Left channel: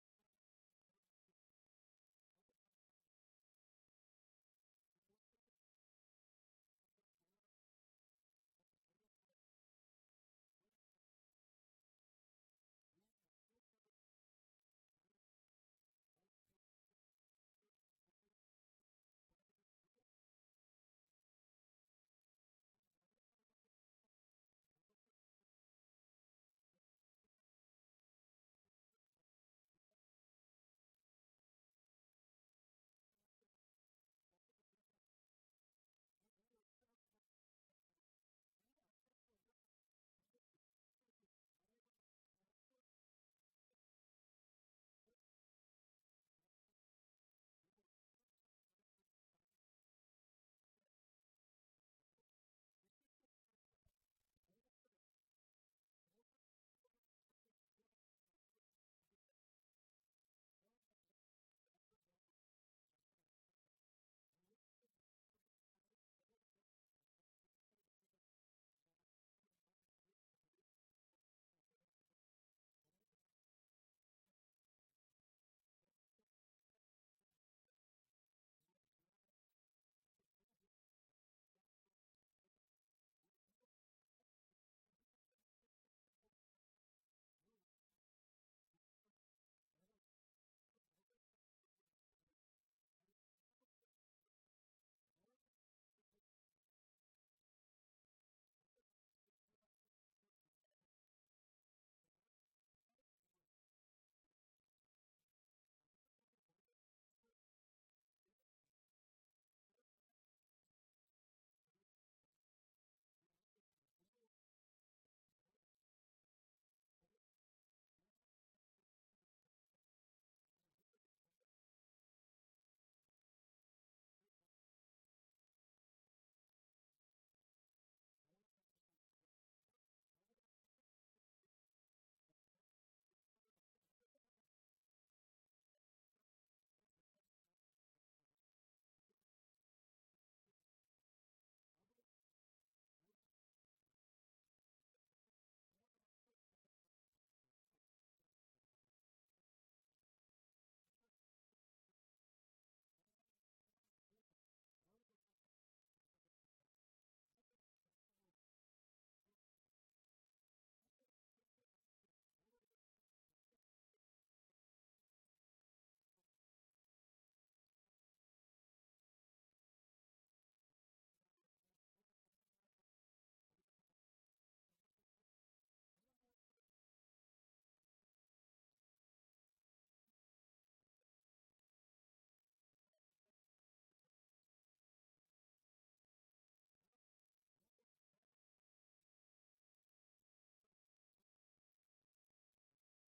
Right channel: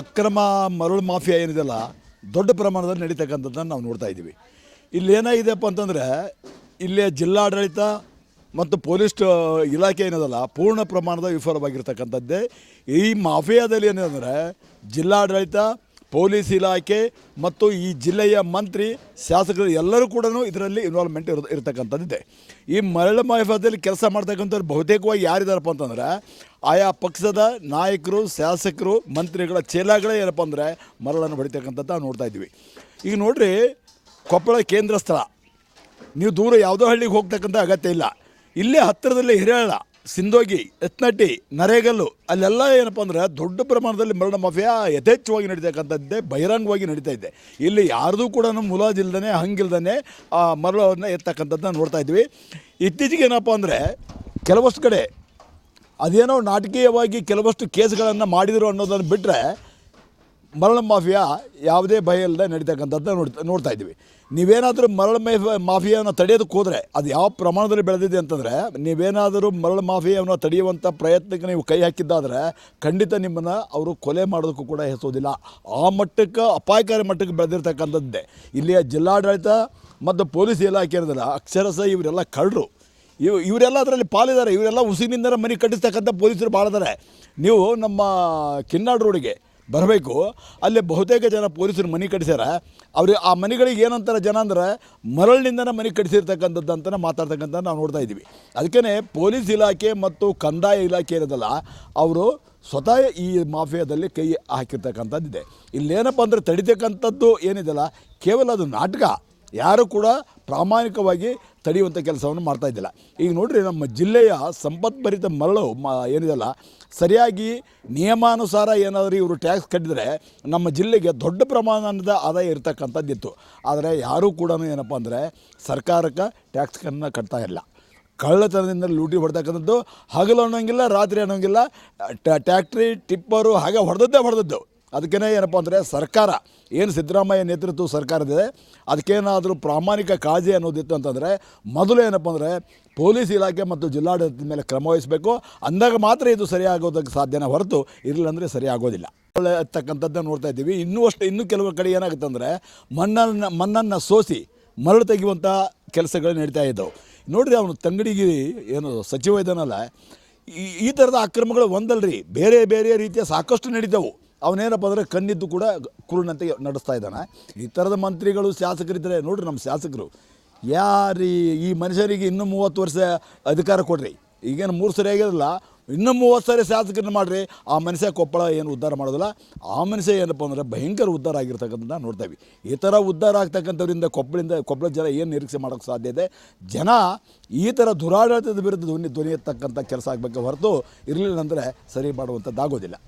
ಅಕ್ರಮ ಮರಳು ಮಾಫಿಯಾ ಏನಿದೆಲ್ಲ ದೊಡ್ಡ ಪ್ರಮಾಣದಲ್ಲಿ ನಡೀತಕ್ಕಂಥದ್ದನ್ನು ನಾವು ನೋಡ್ತಾ ಇದ್ದೀವಿ. ಇಲ್ಲಿ ಏನಾಗಿದೆಯಪ್ಪ ಅಂತಂದರೆ, ಇಲ್ಲಿ ಜಿಲ್ಲಾಡಳಿತ ಮತ್ತು ಪೊಲೀಸ್ ಇಲಾಖೆ ಏನದಲ್ಲ ಪೂರ್ಣ ಪ್ರಮಾಣದ ವಿಫಲವಾಗಿರ್ತಕ್ಕಂಥದ್ದೇ. ಈ ಮಾಫಿಯಾದಲ್ಲಿ ಏನಂದರೆ ಜಿಲ್ಲಾಡಳಿತ, ಪೊಲೀಸ್ ಇಲಾಖೆ ಮತ್ತು ಈ ಜಿಲ್ಲೆಯ ಮಂತ್ರಿ, ಶಾಸಕರು ಎಲ್ಲರೂ ಕೂಡ ಇದರಲ್ಲಿ ಇನ್ವಾಲ್ವ್ಮೆಂಟ್ ಇರ ಇರತಕ್ಕಂಥದ್ದಿದೆ. ಈ ಮರಳು ಮಾಫಿಯಾದಲ್ಲಿ ಕೆಲಸ ಮಾಡ್ತಕ್ಕಂಥವ್ರು ಬಹುತೇಕವಾಗಿ ಯಾರಿದಾರಪ್ಪ ಅಂತಂದರೆ ಆಯಾ ಪಕ್ಷದ ನಾಯಕರು, ಶಾಸಕರು, ಮಂತ್ರಿಗಳ ಚೇಲಾಗಳೇ ಏನಪ್ಪ ಅಂದರೆ ಮರಳನ್ನು ಹೊಡಿತಕ್ಕಂಥದ್ದು ನೋಡ್ತಾ ಇದ್ವಿ ಈಗ ನೋಡಿರಿ, ಕೊಪ್ಪಳ ಕೇಂದ್ರ ಸ್ಥಳ. ನೀವು ದೂರ ಯಾವುದೋ ಹಳ್ಳಿಗೆ ಹೋಗ್ತಕ್ಕಂಥ ಅಗತ್ಯ ಇಲ್ಲ. ಇಲ್ಲೇ ಹತ್ತಿರದಲ್ಲಿ ಹಿರಿಯಾಳ ಸಿಂಧೋಗಿ ಎತ್ನಟ್ಟಿ ನರೇಗಲ್ಲು, ಅಲ್ಲೆಲ್ಲ ಏನಪ್ಪ ಅಂದ್ರೆ ದೊಡ್ಡ ಪ್ರಮಾಣದಲ್ಲಿ ಮರಣ ಮಾಫಿಯಾ ಯಥೇಚ್ಛವಾಗಿ ನಡೀತಕ್ಕಂಥದ್ದೇ, ಬಹಿರಂಗವಾಗಿ ನಡೀತಾ ಇದೆ. ಇಲ್ಲಿ ಯಾರ್ದು ಕೂಡ ಮುಲಾಜಿಲ್ದೇ ಹಂಗಿಲ್ದೇ ಆ ಮರಳವನ್ನು ಎತ್ತಕ್ಕಂಥದ್ದನ್ನ ನೋಡ್ತಾ ಇದ್ವಿ ಇತ್ತೀಚೆಗೆ ಏನಪ್ಪ ಅಂದರೆ ಕೆಲವಷ್ಟು ಕಡೆ ಅದೇನೋ ನಾಟಕೀಯವಾಗಿ ಕೆಲವಷ್ಟು ಕೇಸ್ಗಳನ್ನು ಮಾಡಿದರು ಅನ್ನೋದನ್ನು ಬಿಟ್ಟರೆ ಮರಳ ಮಾಫಿಯಾ ಯಾವುದೇ ಭಯ ಇಲ್ಲದೆ ನಡೀತಕ್ಕಂಥದ್ದನ್ನ ನೋಡ್ತಾ ನೋಡ್ತಾ ಇದ್ದೀವಿ. ನೀವೇನಾದರೂ ಮರಳ ಮಾಫಿಯಾ ಮಾಫಿಯಾನ ತಡೆಯೋದಕ್ಕೆ ಹೋದರೆ ಅದು ಯಾವ ಪ್ರಮಾಣದಲ್ಲಿ ಬೆಳೆದಿದೆ ಅಂತಂದರೆ ನೀವೇನಾದರೂ ಮರಳ ಮಾಫಿಯಾವನ್ನು ತಡೆಯುವಂಥ ಪ್ರಯತ್ನಕ್ಕೆ ನೀವು ಕೈ ಹಾಕಿದ್ದಾದರೆ ಖಂಡಿತ ನಿಮ್ಮನ್ನು ಅವರು ಕೊಲೆ ಮಾಡೋದಕ್ಕೂ ಕೂಡ ಹೆಸೋದಿಲ್ಲ. ಆ ಮಟ್ಟಕ್ಕೆ, ಅಪಾಯಕಾರಿ ಮಟ್ಟಕ್ಕೆ ಬೆಳೆದಿರ್ತಕ್ಕಂಥದ್ದೇ. ಇಲ್ಲಿಯ ಜಿಲ್ಲಾಡಳಿತ ಮತ್ತು ಪೊಲೀಸ್ ಇಲಾಖೆ ಇರೋದಿಲ್ಲ, ಅಕ್ಷರಶಃ ಇವರೆಲ್ಲ ಕಳ್ಳರು. ಇವ್ ಇವರೆಲ್ಲ ಅದರಲ್ಲಿ ಪಾಲಿದ್ದಾರೆ. ಇವರೆಲ್ಲ ಉಸಿನಿಂದ ಮನೆ ಕಟ್ಟಿಸ್ತಕ್ಕಂಥ ಪೊಲೀಸರು ಭಾಳ ನೀವು ನಮ್ಮ ಕಿನ್ನಾಡ್ ರೋಡಿಗೆ ಬರಬೇಕು. ಅಲ್ಲಿ ಬಹುತೇಕ ಜನ ಪೊಲೀಸರು ಮನೆ ಕಟ್ಟಿಸ್ಯಾರ. ಅವ್ರಿಗೆ ಆ ಮನೆಗಳಿಗೆ ಏನಂತಾರೆ ಜನ ಅಂದ್ರೆ ಮರಳಿನಿಂದನೇ ಮನೆ ಕಟ್ಟಿಸಿರ್ತಕ್ಕಂಥದ್ದು ಅಂತಲೇ ಮಾತಾಡ್ತಕ್ಕಂಥ ನಾವು ನೋಡ್ತಾ ಇದ್ದೀವಿ. ಅದಕ್ಕೇ ಪೊಲೀಸ್ ಇಲಾಖೆ ಮತ್ತು ಕಂದಾಯ ಇಲಾಖೆ ಇರೋದಲ್ಲ, ಅವರು ಸ್ವತಃ ಈ ಮಾಫಿಯಾದಲ್ಲಿ ಕೈ ಹಾಕಿರ್ತಕ್ಕಂಥದ್ದಿದೆ ಇಲ್ಲೇನಪ್ಪ ಅಂದರೆ ತಡಿತಕ್ಕಂಥದ್ದು ಏನಿದೆಯಲ್ಲ ಕೇವಲ ಅದು ನಾಟಕ. ಯಾರು ಕೂಡ ಪ್ರಾಮಾಣಿಕವಾಗಿ ತಡೆಯುವಂಥ ಕೆಲಸವನ್ನು ಮಾಡ್ತಾ ಇದ್ದಿಲ್ಲ. ಈಗ ನೋಡ್ರಿ ನಮ್ಮ ಜಿಲ್ಲೆಯ ಸಂಪತ್ಭರಿತ ಮರಳು ಮ, ಏನಿದೆಲ್ಲ, ಸರಿಯಾಗಿ ನಿಯಮಾನುಸಾರ ಏನಾದರೂ ಇವರು ಟ್ಯಾಕ್ಸ್ ಕಟ್ಟಿದರೆ ನಮ್ಮ ಜಿಲ್ಲೆಗೆ ದೊಡ್ಡ ಪ್ರಮಾಣದ ಆದಾಯ ಇರತಕ್ಕಂಥದ್ದಿತ್ತು ಆದರೆ ಯಾರೂ ಕೂಡ ಏನಪ್ಪ ಅಂದರೆ ಸರ್ಕಾರಕ್ಕೆ ಟ್ಯಾಕ್ಸ್ಗಳನ್ನು ಕಟ್ತಾ ಇಲ್ಲ. ಕಳ್ಳತನದಿಂದ ಲೂಟಿ ಹೊಡ್ತಕ್ಕಂಥದ್ದು, ಹಗಲು ಅನ್ನೋಂಗಿಲ್ಲ, ರಾತ್ರಿ ಅನ್ನೋಂಗಿಲ್ಲ, ಟ್ಯಾ- ಟ್ಯಾಕ್ಟ್ರಿ ಟಿಪ್ಪರು ಹಾಗೆ ಹೊಡೆದದ್ದೇ ಹೊಡೆದದ್ದು. ಅದಕ್ಕೇ ಏನಪ್ಪ ಅಂದರೆ ಸರ್ಕಾರ, ಏನು ಸಿದ್ದರಾಮಯ್ಯ ನೇತೃತ್ವ ಸರ್ಕಾರದಿದೆ, ಅದಕ್ಕೇನಾದರೂ ಪ್ರಾಮಾಣಿಕ ಕಾಳಜಿ ಅನ್ನೋದಿತ್ತು ಅಂತಂದರೆ ಮೊದಲು ಏನಪ್ಪ ಅಂದರೆ ಪೊಲೀಸ್ ಇಲಾಖೆ ಮತ್ತು ಜಿಲ್ಲಾಡಳಿತದ ಮೇಲೆ ಕ್ರಮ ವಹಿಸಬೇಕು, ಅಂದಾಗ ಮಾತ್ರ ಇದು ಸರಿಯಾಗೋದಕ್ಕೆ ಸಾಧ್ಯನ ಹೊರತು ಇರಲಿಲ್ಲಂದರೆ ಸರಿ ಆಗೋದಿಲ್ಲ ತಕ್ಕಂಥದ್ದನ್ನು ನೋಡ್ತಾ ಇದ್ದೀವಿ. ಇನ್ನೂ ಅಷ್ಟು, ಇನ್ನೂ ಕೆಲವು ಕಡೆ ಏನಾಗುತ್ತೆ ಅಂದರೆ ಮಣ್ಣನ್ನು ಮಣ್ಣನ್ನು ಸೋಸಿ ಮರಳು ತೆಗೆಯುವಂಥ ಕೆಲಸಗಳು ನಡೀತಾ ಇದ್ದವು. ನೋಡಿರಿ ಅವನು ತಂಗಡಿಗೆ ಏನು ಸಚಿವ ಇದ್ದಾನಲ್ಲ, ಈ ಈ ಥರದ ಅಕ್ರಮಗಳು ಒಂದಲ್ರಿ, ಬೇರೆ ಬೇರೆ ರೀತಿಯ ಸಾಕಷ್ಟು ನಡೀತವು. ಅವನೇನಪ್ಪ ಅಂದರೆ ಕಣ್ಣಿದ್ದು ಕೂಡ ಕುರುನಂತೆ ನಡೆಸ್ತಾ ಇದ್ದಾನೆ. ಈ ಥರದ ಮಂತ್ರಿಗಳು ಶಾಸಕರಿದ್ದರೆ ನೋಡ್ರಿ ನಮ್ಮ ಶಾಸಕರು, ಯಾರು ಈ ಮನುಷ್ಯರಿಗೆ ಇನ್ನೂ ಮೂವತ್ತು ವರ್ಷ ಅಧಿಕಾರ ಕೊಡ್ರಿ. ಈಗೇನು ಮೂರು ಸರಿ ಆಗಿರಲ್ಲ, ಇನ್ನೂ ಮೂವತ್ತು ಸರಿ ಶಾಸಕರನ್ನ ಮಾಡಿರಿ. ಆ ಮನುಷ್ಯ ಕೊಪ್ಪಳ ಏನು ಉದ್ಧಾರ ಮಾಡೋದಿಲ್ಲ. ಆ ಮನುಷ್ಯ ಏನಪ್ಪ ಅಂದರೆ ಭಯಂಕರ ಉದ್ಧಾರ ಆಗಿರ್ತಕ್ಕಂಥ ನೋಡ್ತೇವೆ ಈ ಥರ ಉದ್ಧಾರ ಆಗ್ತಕ್ಕಂಥವ್ರಿಂದ ಕೊಪ್ಪಳಿಂದ ಕೊಪ್ಪಳ ಜನ ಏನು ನಿರೀಕ್ಷೆ ಮಾಡೋಕ್ಕೆ ಸಾಧ್ಯ ಇದೆ? ಜನ ಈ ಥರ ದುರಾಡಳಿತದ ವಿರುದ್ಧ ಧ್ವನಿ ಧ್ವನಿ ಎತ್ತಕ್ಕಂಥ ಕೆಲಸ ಆಗಬೇಕು ಹೊರತು ಇರಲಿಲ್ಲ ಅಂದರೆ ಸರಿ ಮಾಡುವಂಥದ್ದಾಗೋದಿಲ್ಲ.